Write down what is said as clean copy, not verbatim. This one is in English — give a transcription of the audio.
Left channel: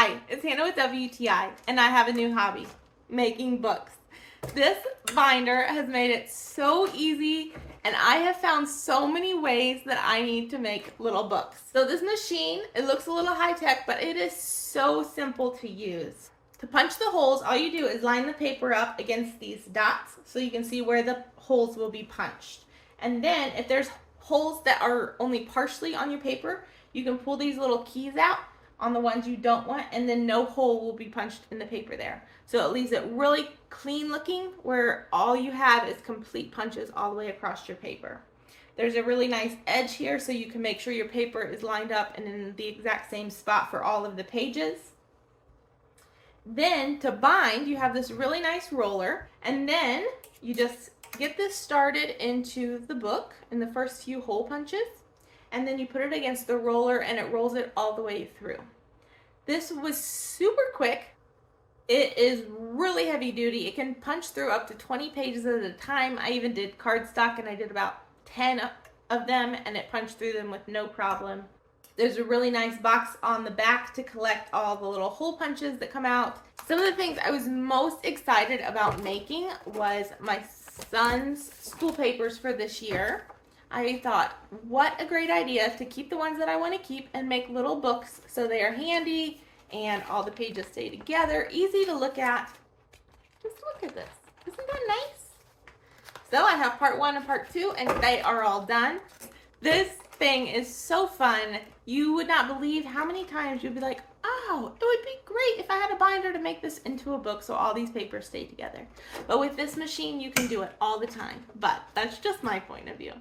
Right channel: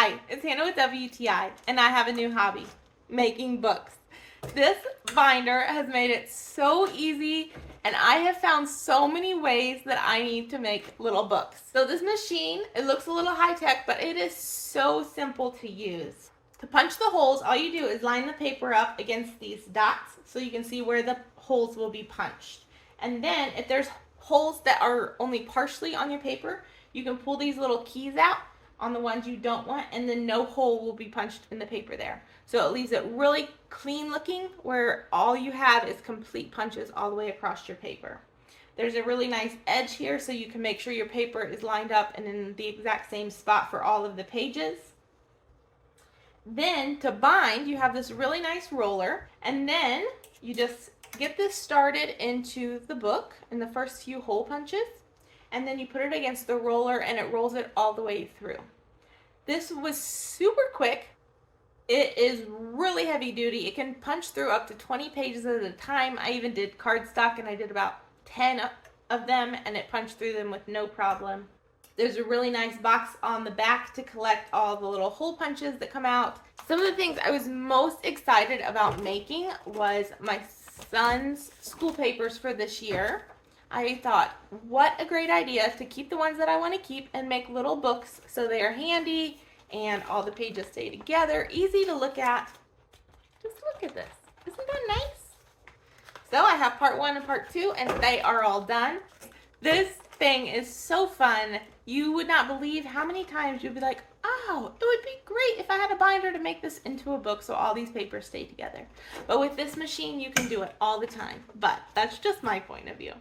Hi, it's Hannah with WTI, and I have a new hobby, making books. This binder has made it so easy, and I have found so many ways that I need to make little books. So this machine, it looks a little high-tech, but it is so simple to use. To punch the holes, all you do is line the paper up against these dots so you can see where the holes will be punched. And then if there's holes that are only partially on your paper, you can pull these little keys out on the ones you don't want, and then no hole will be punched in the paper there. So it leaves it really clean looking, where all you have is complete punches all the way across your paper. There's a really nice edge here so you can make sure your paper is lined up and in the exact same spot for all of the pages. Then to bind, you have this really nice roller, and then you just get this started into the book in the first few hole punches, and then you put it against the roller and it rolls it all the way through. This was super quick. It is really heavy duty. It can punch through up to 20 pages at a time. I even did cardstock and I did about 10 of them, and it punched through them with no problem. There's a really nice box on the back to collect all the little hole punches that come out. Some of the things I was most excited about making was my son's school papers for this year. I thought, what a great idea to keep the ones that I want to keep and make little books so they are handy and all the pages stay together, easy to look at. Just look at this. Isn't that nice? So I have part 1 and part 2, and they are all done. This thing is so fun. You would not believe how many times you'd be like, oh, it would be great if I had a binder to make this into a book so all these papers stay together. But with this machine, you can do it all the time. But that's just my point of view.